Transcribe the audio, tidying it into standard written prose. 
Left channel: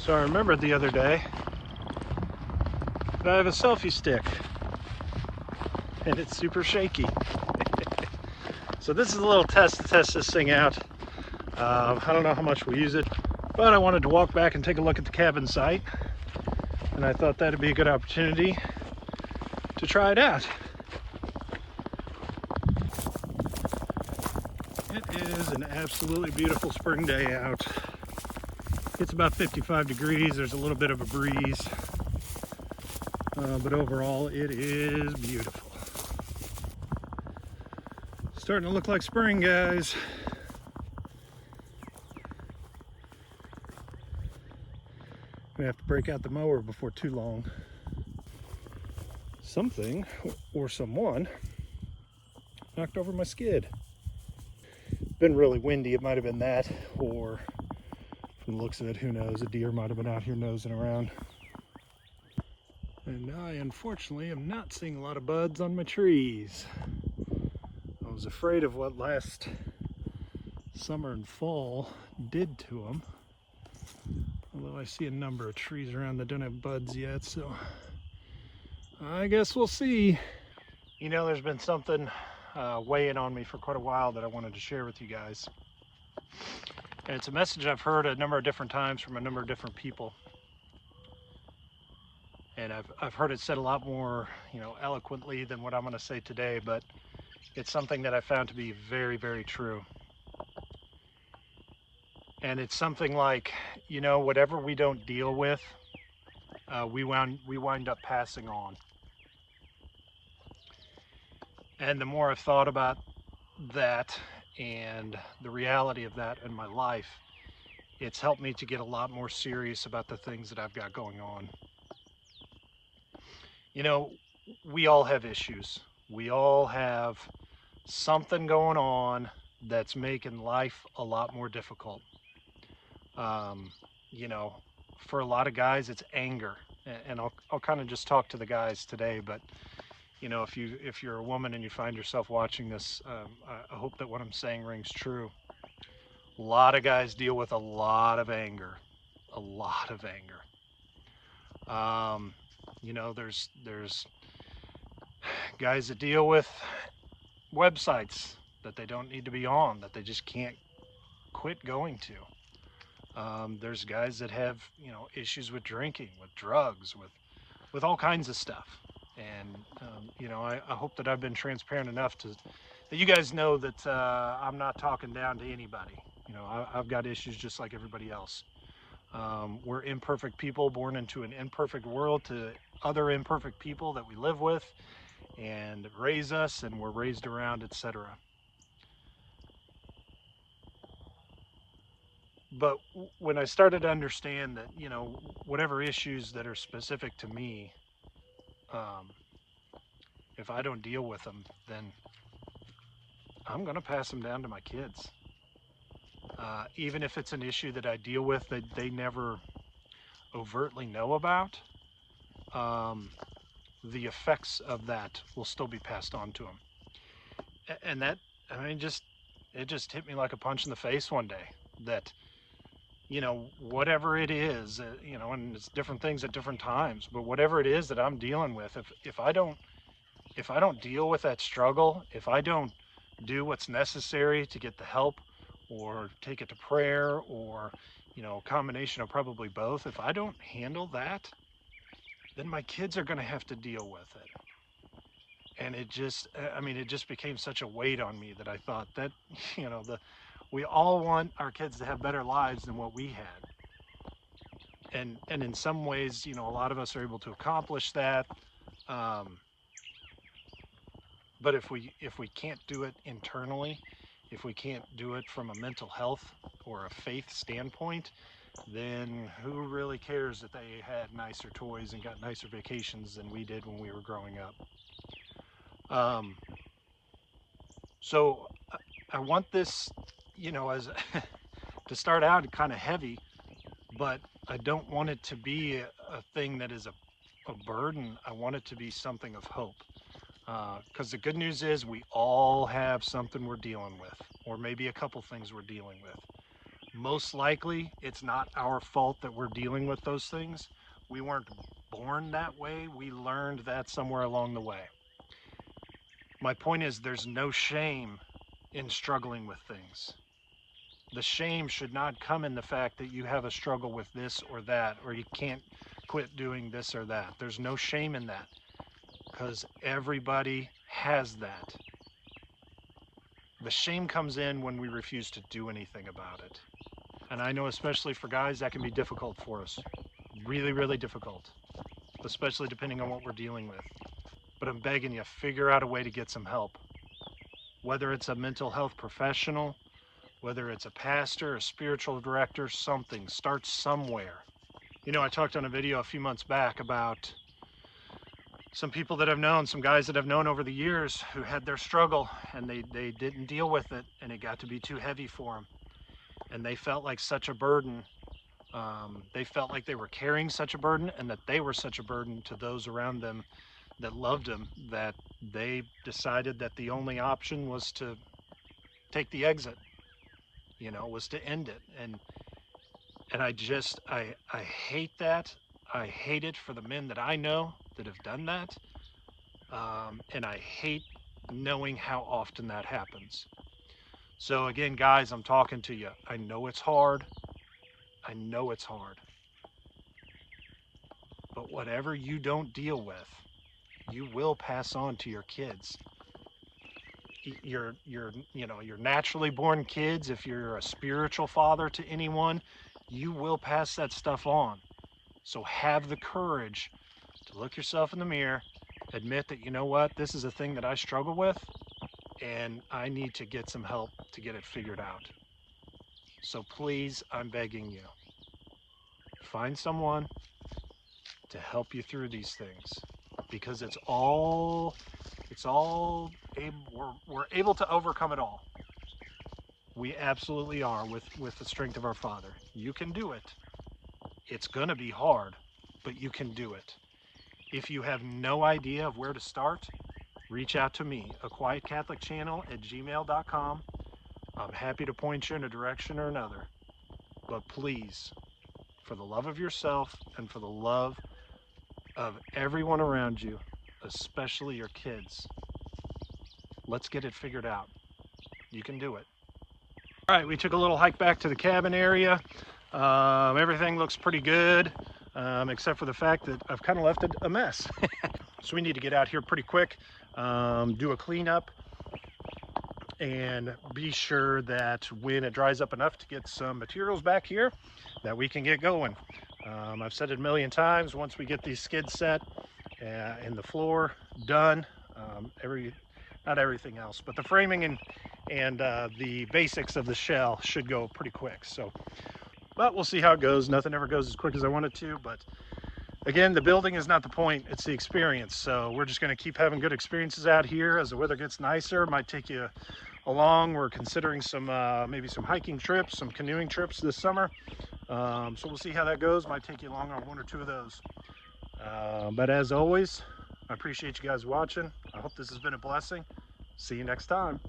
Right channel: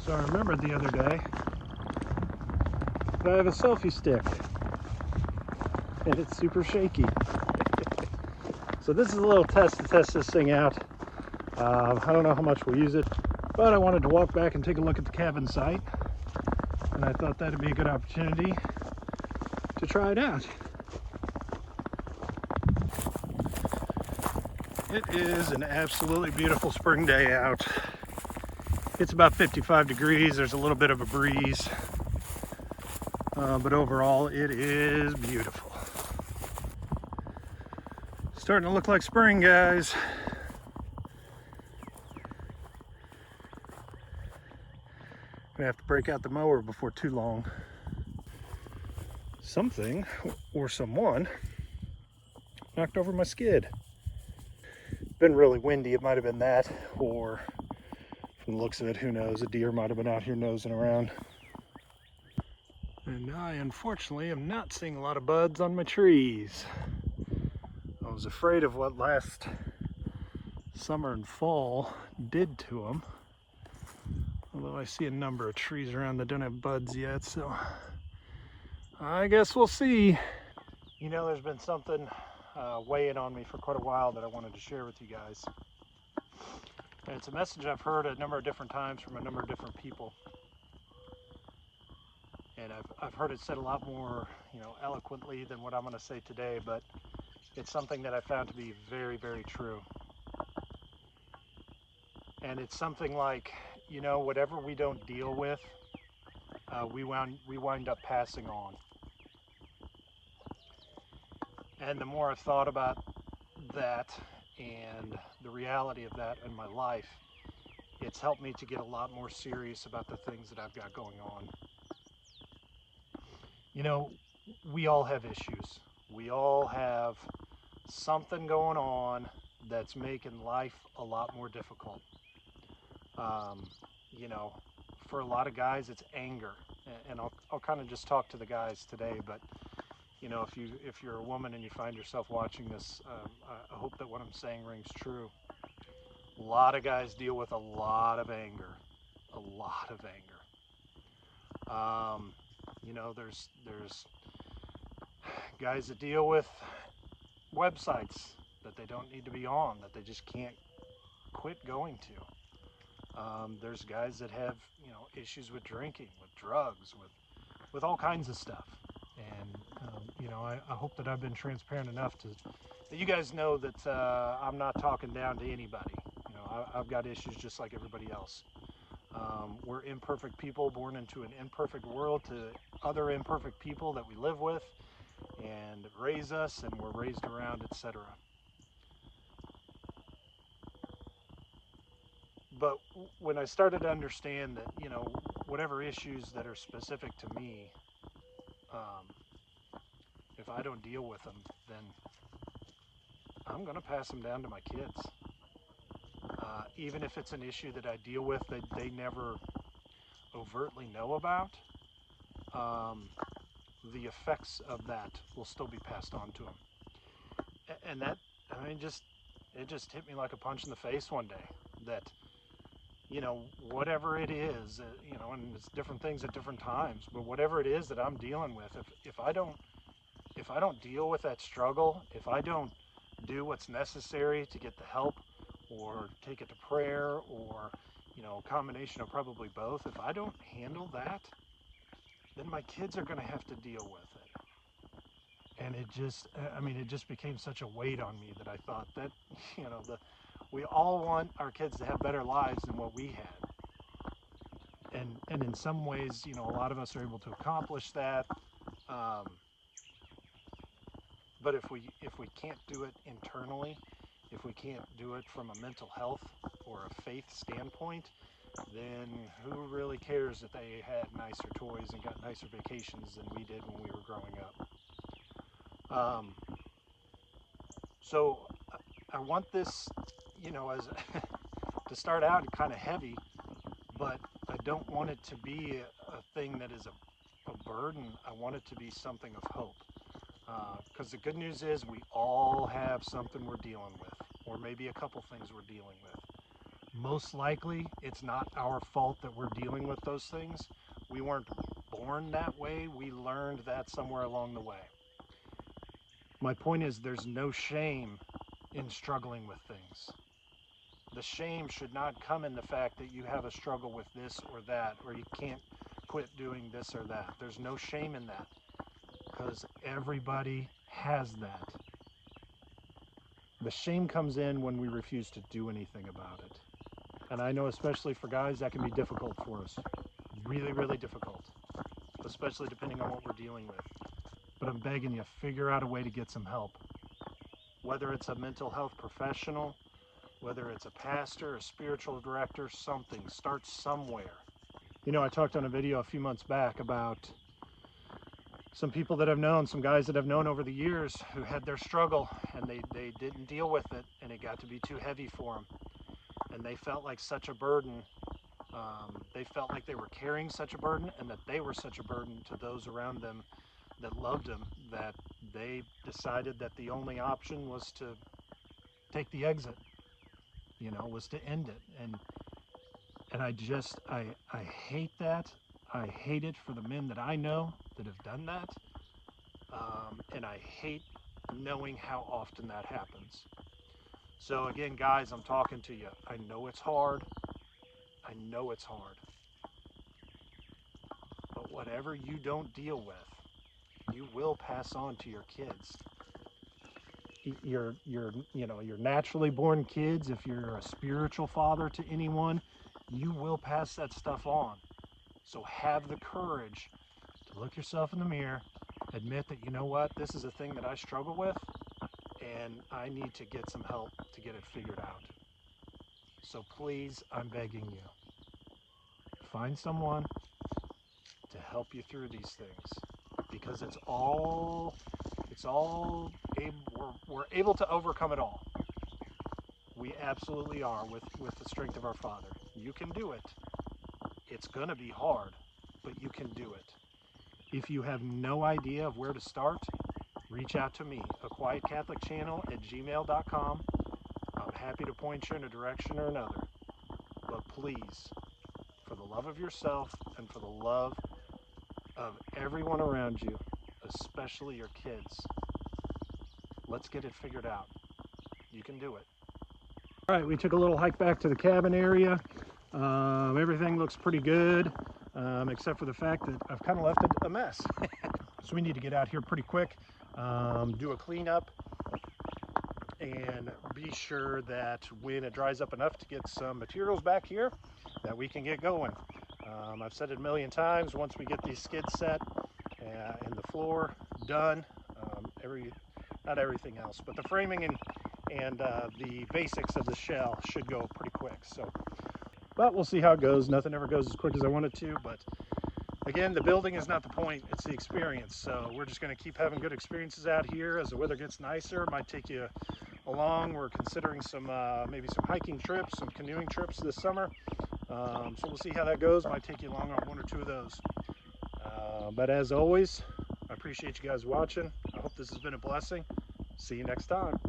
So I remembered the other day that I have a selfie stick and it's super shaky. So this is a little test to test this thing out. I don't know how much we'll use it, but I wanted to walk back and take a look at the cabin site, and I thought that'd be a good opportunity to try it out. It is an absolutely beautiful spring day out. It's about 55 degrees. There's a little bit of a breeze, but overall it is beautiful. Starting to look like spring, guys. I have to break out the mower before too long. Something or someone knocked over my skid. Been really windy. It might have been that, or from the looks of it, who knows, a deer might have been out here nosing around. And I unfortunately am not seeing a lot of buds on my trees. I was afraid of what last summer and fall did to them. Although I see a number of trees around that don't have buds yet, so I guess we'll see. You know, there's been something weighing on me for quite a while that I wanted to share with you guys. And it's a message I've heard a number of different times from a number of different people. And I've heard it said a lot more, eloquently than what I'm going to say today, but it's something that I found to be very, very true. And it's something like, whatever we don't deal with, we wind up passing on. And the more I've thought about that and the reality of that in my life, it's helped me to get a lot more serious about the things that I've got going on. We all have issues. We all have something going on that's making life a lot more difficult. For a lot of guys, it's anger, and I'll kind of just talk to the guys today. But if you're a woman and you find yourself watching this, I hope that what I'm saying rings true. A lot of guys deal with a lot of anger, There's guys that deal with websites that they don't need to be on, that they just can't quit going to. There's guys that have, issues with drinking, with drugs, with all kinds of stuff. And, I hope that I've been transparent enough that you guys know that I'm not talking down to anybody. I've got issues just like everybody else. We're imperfect people born into an imperfect world to other imperfect people that we live with and raise us and we're raised around, etc. But when I started to understand that, whatever issues that are specific to me, if I don't deal with them, then I'm going to pass them down to my kids. Even if it's an issue that I deal with that they never overtly know about, the effects of that will still be passed on to them. And that, it just hit me like a punch in the face one day that, whatever it is, and it's different things at different times, but whatever it is that I'm dealing with, if I don't deal with that struggle, if I don't do what's necessary to get the help or take it to prayer or, a combination of probably both, if I don't handle that, then my kids are going to have to deal with it. And it just became such a weight on me that I thought that, we all want our kids to have better lives than what we had. And in some ways, a lot of us are able to accomplish that. But if we can't do it internally, if we can't do it from a mental health or a faith standpoint, then who really cares that they had nicer toys and got nicer vacations than we did when we were growing up? So I want this, as to start out kind of heavy, but I don't want it to be a thing that is a burden. I want it to be something of hope. Because the good news is we all have something we're dealing with, or maybe a couple things we're dealing with. Most likely, it's not our fault that we're dealing with those things. We weren't born that way. We learned that somewhere along the way. My point is, there's no shame in struggling with things. The shame should not come in the fact that you have a struggle with this or that, or you can't quit doing this or that. There's no shame in that, because everybody has that. The shame comes in when we refuse to do anything about it. And I know, especially for guys, that can be difficult for us. Really, really difficult, especially depending on what we're dealing with. But I'm begging you, figure out a way to get some help. Whether it's a mental health professional, whether it's a pastor, a spiritual director, something. Start somewhere. You know, I talked on a video a few months back about some people that I've known, some guys that I've known over the years who had their struggle and they didn't deal with it, and it got to be too heavy for them. And they felt like such a burden. They felt like they were carrying such a burden, and that they were such a burden to those around them that loved them, that they decided that the only option was to take the exit, you know, was to end it. And I hate that. I hate it for the men that I know that have done that. And I hate knowing how often that happens. So again, guys, I'm talking to you. I know it's hard. I know it's hard. But whatever you don't deal with, you will pass on to your kids. Your naturally born kids, if you're a spiritual father to anyone, you will pass that stuff on. So have the courage to look yourself in the mirror, admit that, you know what, this is a thing that I struggle with, and I need to get some help to get it figured out. So please, I'm begging you, find someone to help you through these things, because we're able to overcome it all. We absolutely are, with the strength of our Father. You can do it. It's gonna be hard, but you can do it. If you have no idea of where to start, reach out to me, aquietcatholicchannel@gmail.com. I'm happy to point you in a direction or another. But please, for the love of yourself and for the love of everyone around you, especially your kids, let's get it figured out. You can do it. All right, we took a little hike back to the cabin area. Everything looks pretty good, except for the fact that I've kind of left it a mess. So we need to get out here pretty quick, do a cleanup, and be sure that when it dries up enough to get some materials back here, that we can get going. I've said it a million times, once we get these skids set and the floor done, not everything else, but the framing and the basics of the shell should go pretty quick. So, but we'll see how it goes. Nothing ever goes as quick as I want it to, but again, the building is not the point, it's the experience. So we're just going to keep having good experiences out here. As the weather gets nicer, might take you along. We're considering some maybe some hiking trips, some canoeing trips this summer. So we'll see how that goes. Might take you along on one or two of those. But as always, I appreciate you guys watching. I hope this has been a blessing. See you next time.